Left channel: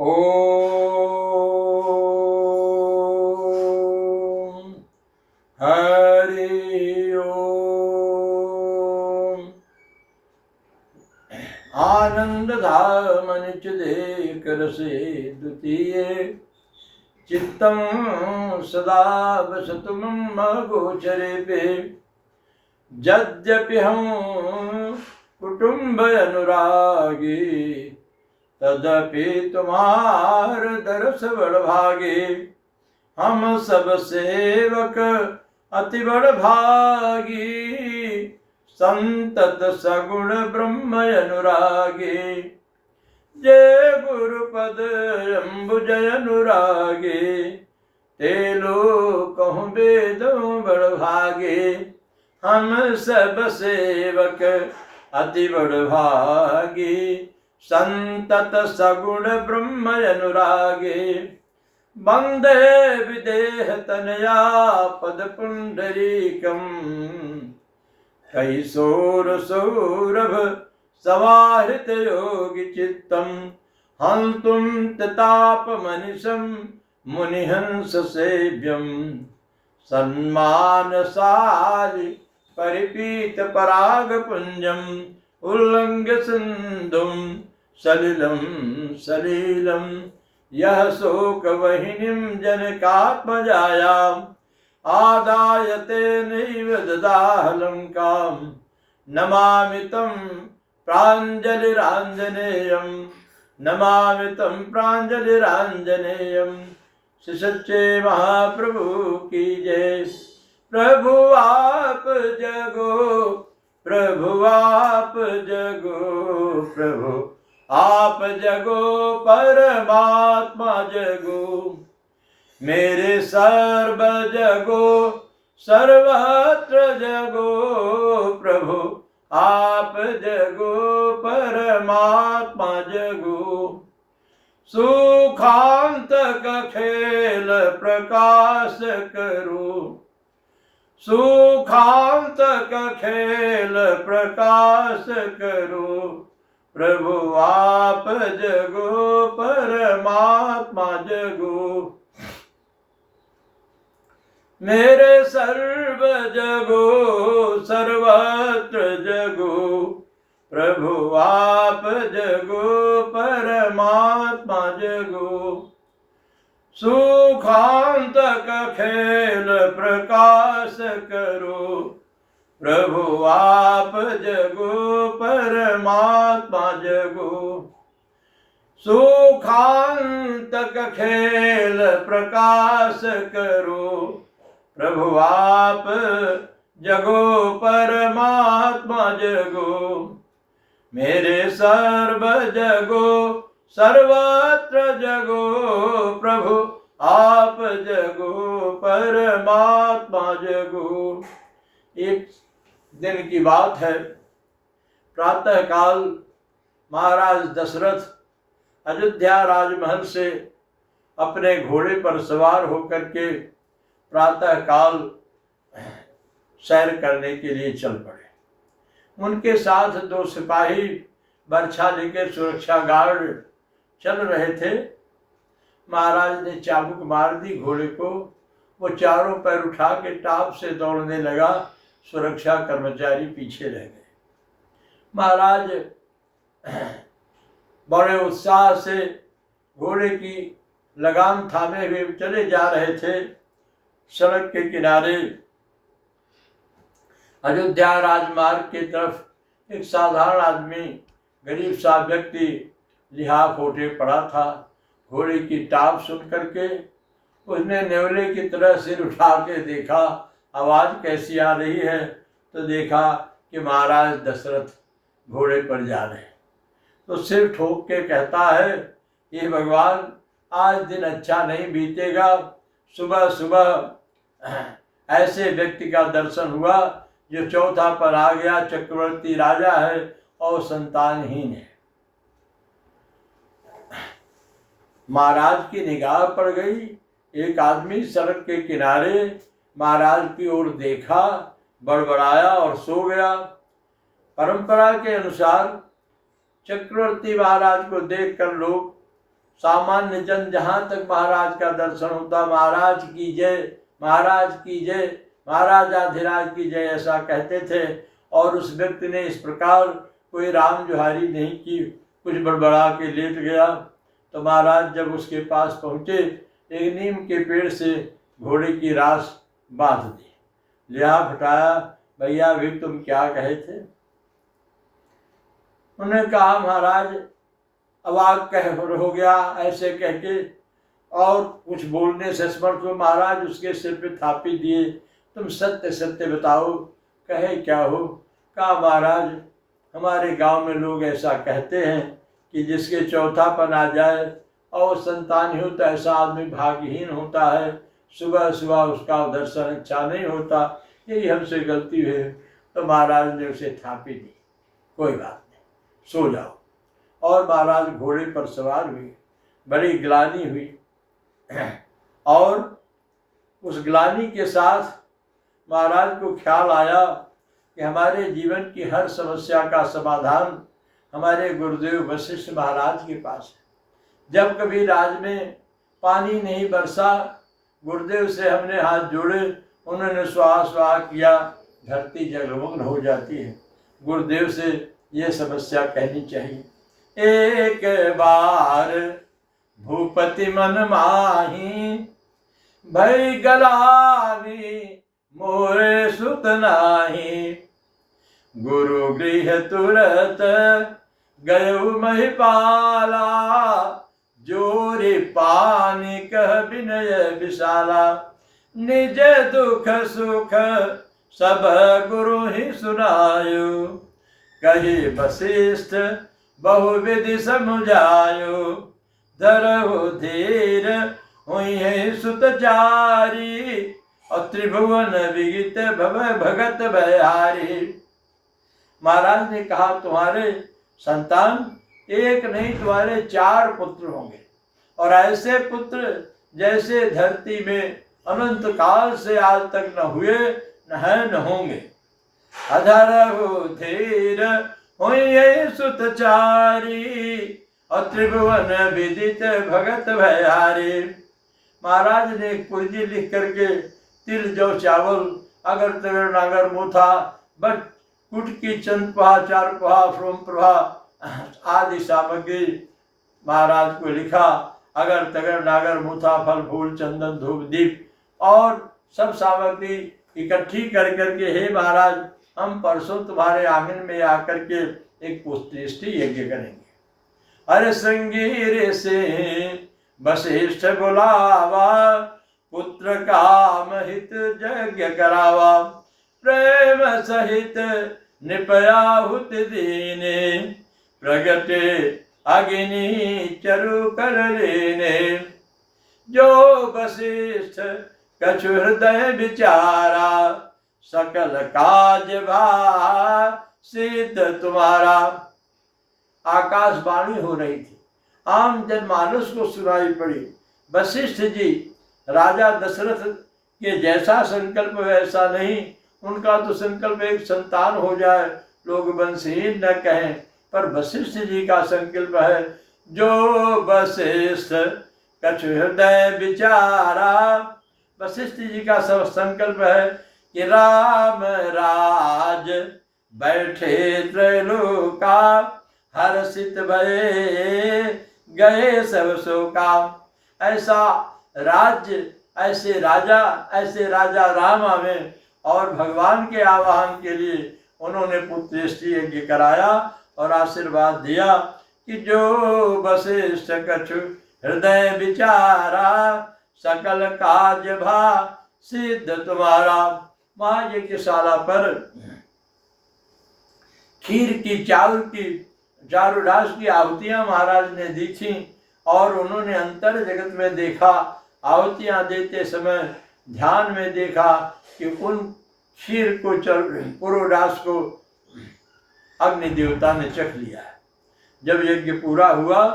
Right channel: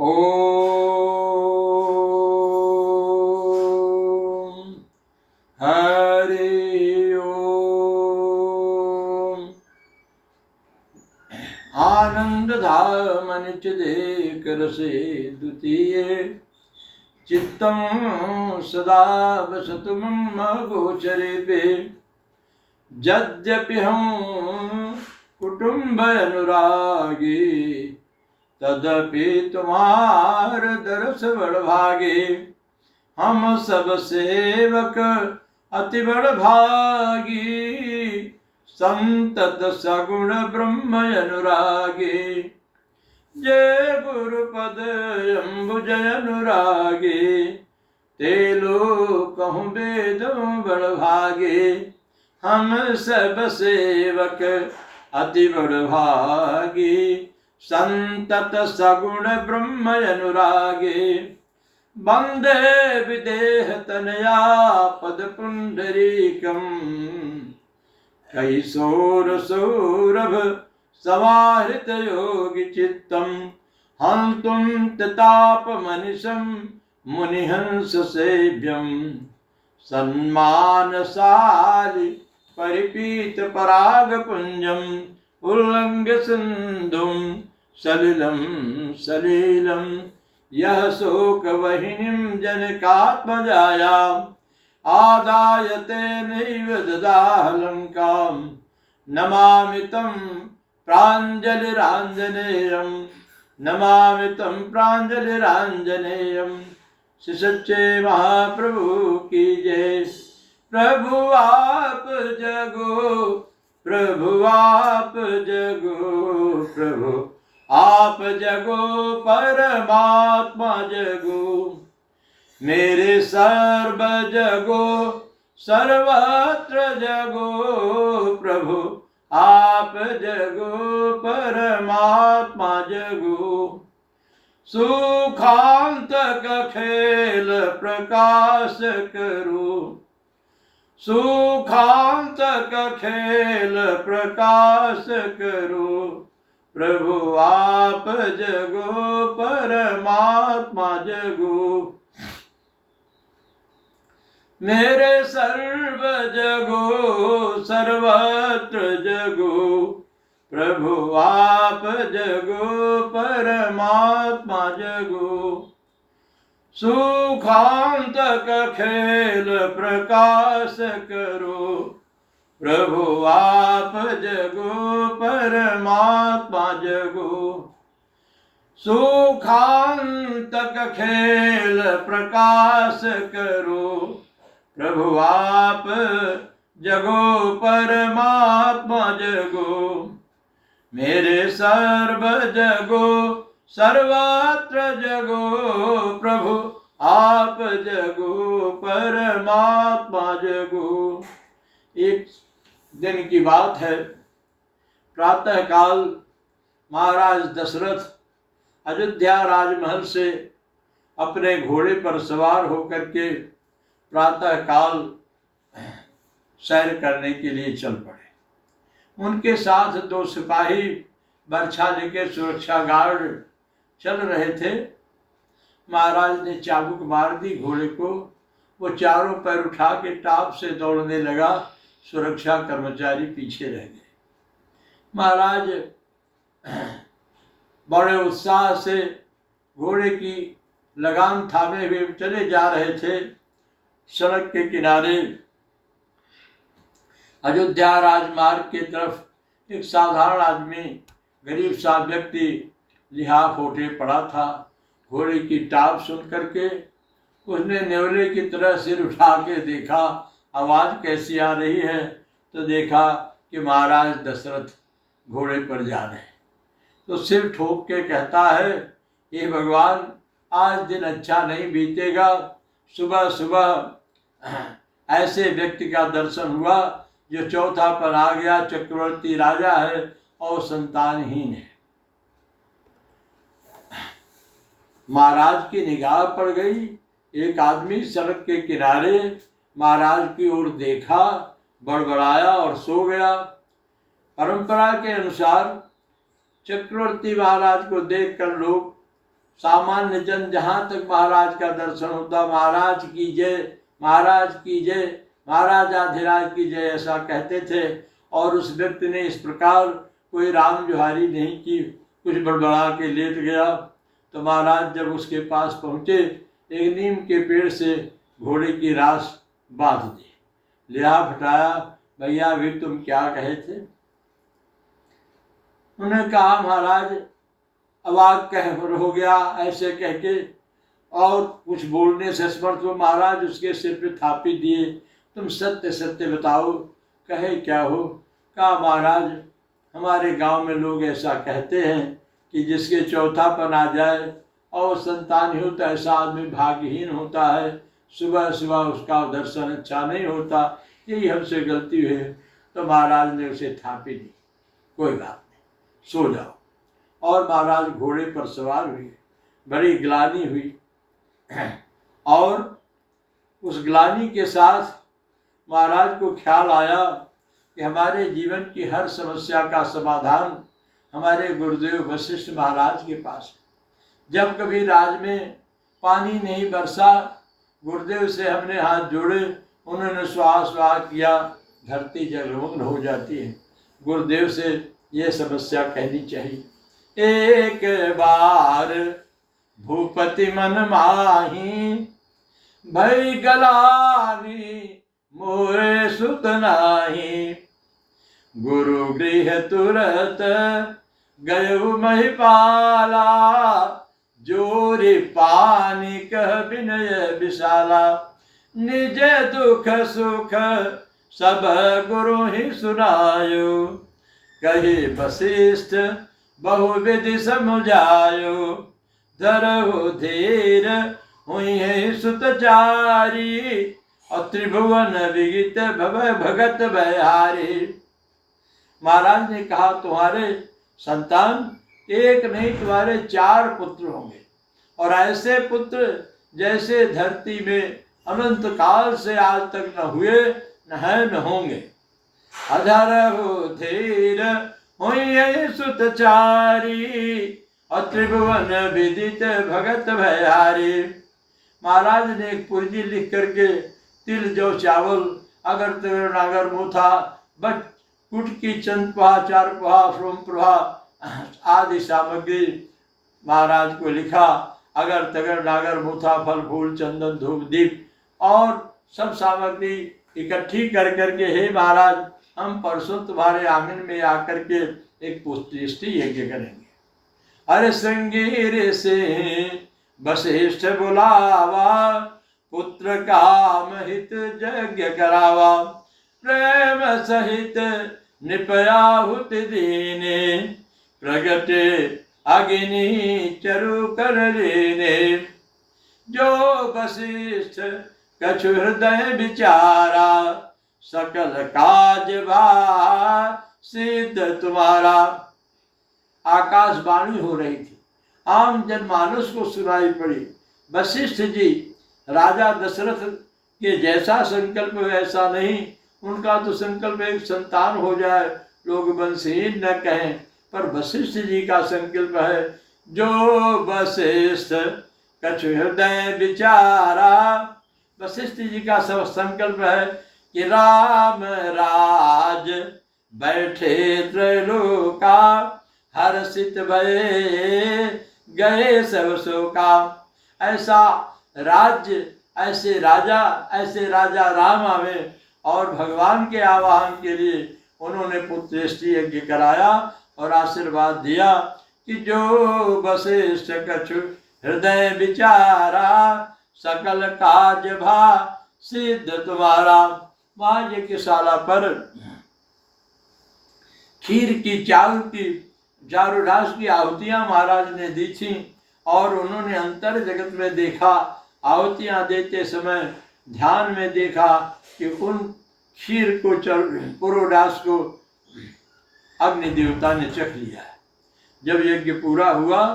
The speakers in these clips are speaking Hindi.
ओम हरि ओम। आनंद धाम निच देख रसे द्वितीय चित्तम सदा वसतु मम गोचरे पे। यद्यपि हम कुटुंब अनुरागी तदपि तुम्हार दरस बड़भागे। हम सब सेवक अति बड़भागी संतत सगुण ब्रह्म अनुरागे। जय गुरुपद अम्बुज अनुरागे ते लोग कहूँ वेद बड़भागे। हम सब सेवक अति बड़भागी संतत सगुण ब्रह्म अनुरागे। वंदे विदेह तनया पद पुंडरीकम कैशोर सौरभ समाहृत योगी चित्तम। हंतुम ताप मनिषम मुनिहंस सेव्यम सन्मानशाली परिपीत पराग पुंजम। उल्लंघ्य सिंधुम सलिलम सलीलम यह शोक वहिनीं जनकात्मजायाम् आदायते नैव ददाह लंकां। नमामि तं प्राञ्जलिराञ्जनेयं नमामि तं प्राञ्जलिराञ्जनेयं। श्री सच्चे महाप्रभु की जय। प्रभु आप जगो प्रभु आप जगो प्रभु आप जगो परमात्मा जगो। मेरे सर्व जगो सर्वत्र जगो प्रभु आप जगो परमात्मा जगो। सुखांतक खेल प्रकाश करो सुखांतक खेल प्रकाश करो प्रभु आप जगो परमात्मा जगो। मेरे सर्व जगो सर्वत्र जगो प्रभु आप जगो परमात्मा जगो। सुखांतक खेल प्रकाश करो प्रभु आप जगो परमात्मा जगो। सुखांतक खेल प्रकाश करो प्रभु आप जगो परमात्मा जगो। मेरे सर्व जगो सर्वत्र जगो प्रभु आप जगो परमात्मा जगो। एक दिन की बात है, प्रातः काल महाराज दशरथ अयोध्या राजमहल से अपने घोड़े पर सवार होकर के प्रातः काल सैर करने के लिए चल पड़े। उनके साथ दो सिपाही बर्छा लेके सुरक्षा गार्ड चल रहे थे। महाराज ने चाबुक मार दी घोड़े को, वो चारों पैर उठा के टाप से दौड़ने लगा। सुरक्षा कर्मचारी पीछे रह गए। महाराज बड़े उत्साह से घोड़े की लगाम थामे हुए चले जा रहे थे। सड़क के किनारे अयोध्या राजमार्ग की तरफ एक साधारण आदमी, गरीब सा व्यक्ति लिहाफ ओढ़े पड़ा था। घोड़े की टाप सुन करके उसने नेवले की तरह सिर उठा के देखा, आवाज़ कैसी आ रही है, तो देखा कि महाराज दशरथ घोड़े पर जा रहे हैं। तो सिर ठोक के कहता है, ये भगवान आज दिन अच्छा नहीं बीतेगा। सुबह सुबह ऐसे व्यक्ति का दर्शन हुआ जो चौथा पर आ गया, चक्रवर्ती राजा है और संतानहीन है। महाराज की निगाह पड़ गई। एक आदमी सड़क के किनारे महाराज की ओर देखा, बड़बड़ाया और सो गया। परंपरा के अनुसार चक्रवर्ती महाराज को देखकर लोग सामान्य जन जहाँ तक महाराज का दर्शन होता, महाराज की जय, महाराज की जय, महाराजाधिराज की जय, ऐसा कहते थे। और उस व्यक्ति ने इस प्रकार कोई राम जुहारी नहीं की, कुछ बड़बड़ा के लेट गया। तो महाराज जब उसके पास पहुँचे, एक नीम के पेड़ से घोड़े की रास बांध दी, लिया फटाया, भैया अभी तुम क्या कहे थे? उन्होंने कहा महाराज अवाक कह हो गया, ऐसे कह के, और कुछ बोलने से समर्थ हो। महाराज उसके सिर पे थापी दिए, तुम सत्य सत्य बताओ, कहे क्या हो? कहा महाराज हमारे गांव में लोग ऐसा कहते हैं कि जिसके चौथापन आ जाए और संतान ही होता, ऐसा आदमी भाग्यहीन होता है, सुबह सुबह उसका दर्शन अच्छा नहीं होता, यही हमसे गलती हुई। तो महाराज ने उसे थापी दी, कोई बात नहीं, सो जाओ। और महाराज घोड़े पर सवार हुए, बड़ी ग्लानि हुई। और उस ग्लानि के साथ महाराज को ख्याल आया कि हमारे जीवन की हर समस्या का समाधान हमारे गुरुदेव वशिष्ठ महाराज के पास है। जब कभी राज में पानी नहीं बरसा, गुरुदेव से हमने हाथ जोड़े, उन्होंने स्वाहा स्वाहा किया, धरती जलमग्न हो जाती है। गुरुदेव से ये समस्या कहनी चाहिए। एक बार भूपति मन माही, भई गलानी मोरे सुत नाही। गुरु गृह तुरत गयु महिपाला, जोरी पानी कह विनय विशाला। निज दुख सुख सब गुरु ही सुनायो, कहे वशिष्ठ बहुविधि समुझायो। धरहु धीर हुई है सुतचारी, और त्रिभुवन विगित भव भगत बहारी। महाराज ने कहा तुम्हारे संतान एक नहीं, तुम्हारे 4 पुत्र होंगे, और ऐसे पुत्र जैसे धरती में अनंत काल से आज तक न हुए, न है, न होंगे। अधरहु धीर हुई सुतचारी, और त्रिभुवन विदित भगत भयारी। महाराज ने एक पूर्जी लिख करके तिल जौ चावल अगर तगर नागर मूथा बट कुटकी चंद पहा चार पहा फ्रोम प्रभा आदि सामग्री महाराज को लिखा। अगर तगर नागर मूथा फल फूल चंदन धूप दीप और सब सामग्री इकट्ठी कर करके, हे महाराज हम परसों तुम्हारे आंगन में आकर के एक पुष्टि यज्ञ करेंगे। अरे संगीर से वशिष्ठ बुलावा, पुत्र काम हित यज्ञ करावा। प्रेम सहित निपयाहुत दीने, प्रगटे अग्नि चरु कर लेने। जो वशिष्ठ कछु हृदय विचारा, सकल काज सिद्ध तुम्हारा। आकाशवाणी हो रही थी, आम जनमानस को सुनाई पड़ी। वशिष्ठ जी राजा दशरथ के जैसा संकल्प वैसा नहीं, उनका तो संकल्प एक संतान हो जाए, लोग वंशहीन न कहें, पर वशिष्ठ जी का संकल्प है जो वशिष्ठ कछु हृदय विचारा। वशिष्ठ जी का सब संकल्प है कि राम राज बैठे त्रैलोका, हर्षित भये गए सब शोका। ऐसा राज्य, ऐसे राजा राम आवे, और भगवान के आवाहन के लिए उन्होंने पुत्रेष्टि यज्ञ कराया और आशीर्वाद दिया कि जो वशिष्ठ कछु हृदय विचारा, सकल काज सिद्ध तुम्हारा। वहाँ यज्ञशाला पर खीर की, चावल की, चारुडास की आहुतियाँ महाराज ने दी थी, और उन्होंने अंतर जगत में देखा, आहुतियाँ देते समय ध्यान में देखा कि उन खीर को, पुरोडास को अग्नि देवता ने चख लिया है। जब यज्ञ पूरा हुआ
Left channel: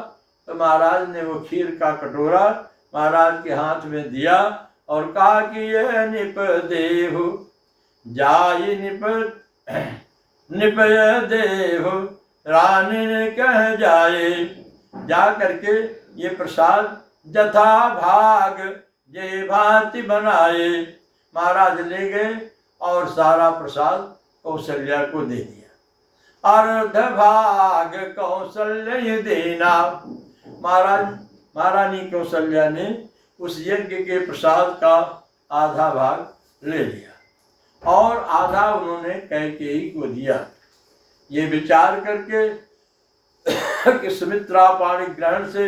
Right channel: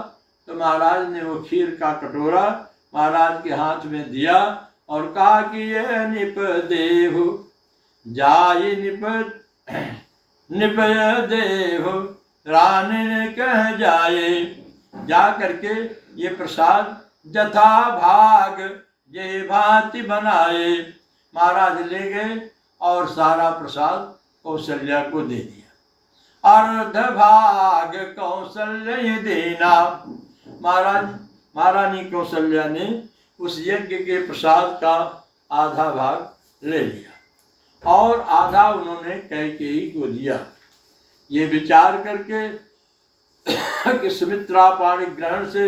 तो महाराज ने वो खीर का कटोरा महाराज के हाथ में दिया और कहा कि यह निप देव जाय निपय देव रानी ने कह जाए। जा करके ये प्रसाद जथा भाग जे भांति बनाए। महाराज ले गए और सारा प्रसाद कौशल्या को दे दिया। अर्ध भाग कौशल्य देना। महारानी कौशल्या ने उस यज्ञ के प्रसाद का आधा भाग ले लिया और आधा उन्होंने कैकेयी को दिया। ये विचार करके कि सुमित्रा पाणी ग्रहण से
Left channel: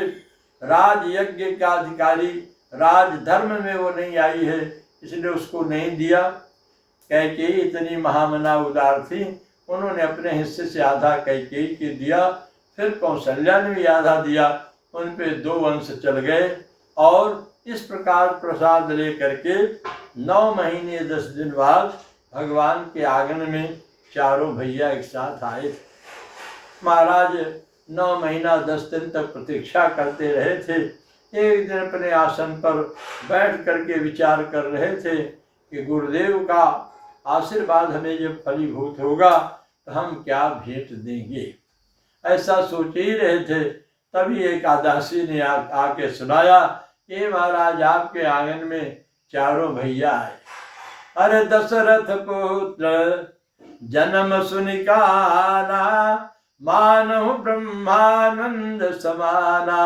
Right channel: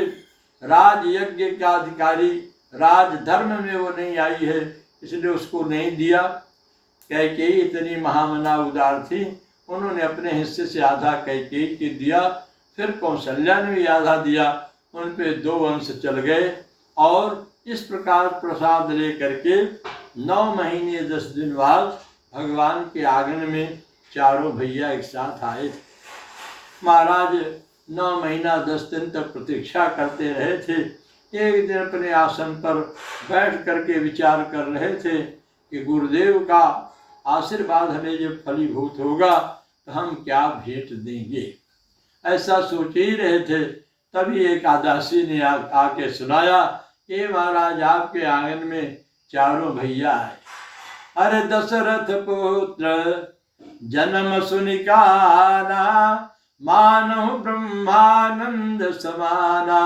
राज यज्ञ का अधिकारी राजधर्म में वो नहीं आई है, इसलिए उसको नहीं दिया। कैकेयी इतनी महामना उदार थी, उन्होंने अपने हिस्से से आधा कैकेयी को दिया, फिर कौशल्या ने भी आधा दिया। उन पे 2 वंश चल गए और इस प्रकार प्रसाद ले करके 9 महीने 10 दिन बाद भगवान के आंगन में चारों भैया एक साथ आए थे। महाराज 9 महीना 10 दिन तक प्रतीक्षा करते रहे थे। एक दिन अपने आसन पर बैठ करके विचार कर रहे थे कि गुरुदेव का आशीर्वाद हमें जब फलीभूत होगा तो हम क्या भेंट देंगे। ऐसा सोच ही रहे थे, तभी एक आदासी ने आके सुनाया कि महाराज आपके आंगन में चारों भैया आए। अरे दशरथ पुत्र जन्म सुनिकाना, मानव ब्रह्मानंद समाना,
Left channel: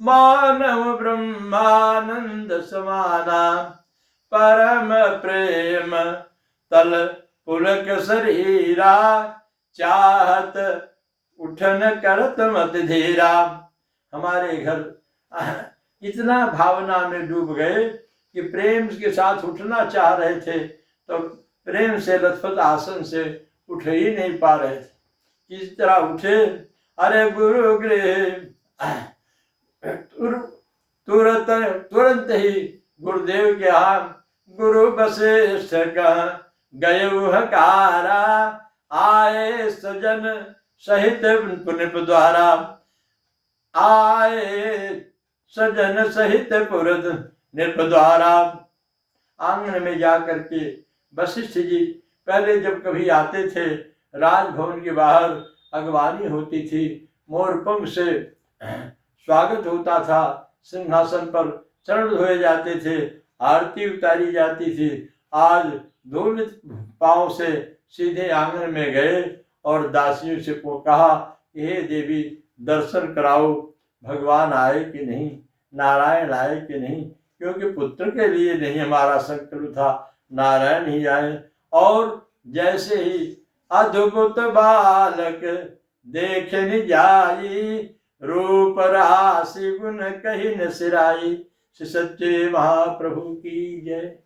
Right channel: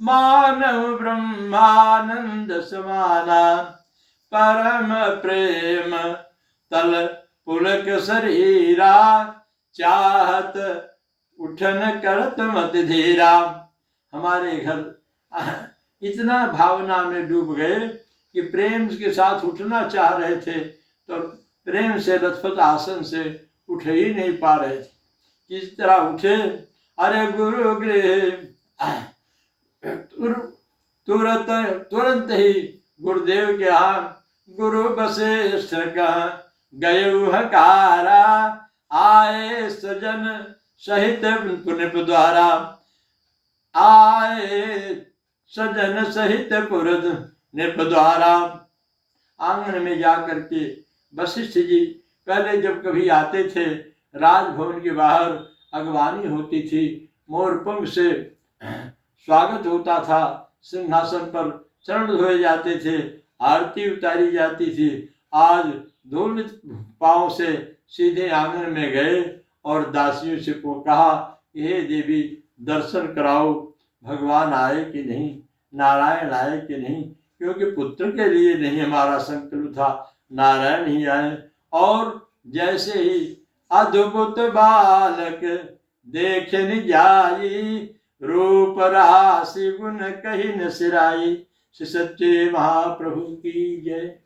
मानव ब्रह्मानंद समाना, परम प्रेम तल पुलक शरीरा, चाहत उठन करत मत धीरा। हमारे घर इतना भावना में डूब गए कि प्रेम के साथ उठना चाह रहे थे तो प्रेम से लथपथ आसन से उठ ही नहीं पा रहे थे। किस तरह उठे। अरे गुरु गृह तुरंत ही गुरुदेव के यहाँ गुरु वशिष्ठ गए हकारा, आए सजन सहित पुनिप द्वारा, आए सजन सहित पुरद निप द्वारा। आंगन में जा करके वशिष्ठ जी पहले जब कभी आते थे, राजभवन के बाहर अगवानी होती थी, मोरपंख से स्वागत होता था, सिंहासन पर चरण धोए जाते थे, आरती उतारी जाती थी। आज दौलत पांव से सीधे आंगन में गए और दासियों से को कहा, हे देवी दर्शन कराओ, भगवान आए कि नहीं, नारायण आए कि नहीं, क्योंकि पुत्र के लिए नहीं हमारा संकल्प था, नारायण ही आए। और जैसे ही अद्भुत बालक देख न जाई, रूप राशि गुण कही न सिराई। श्री सच्चे महाप्रभु की जय।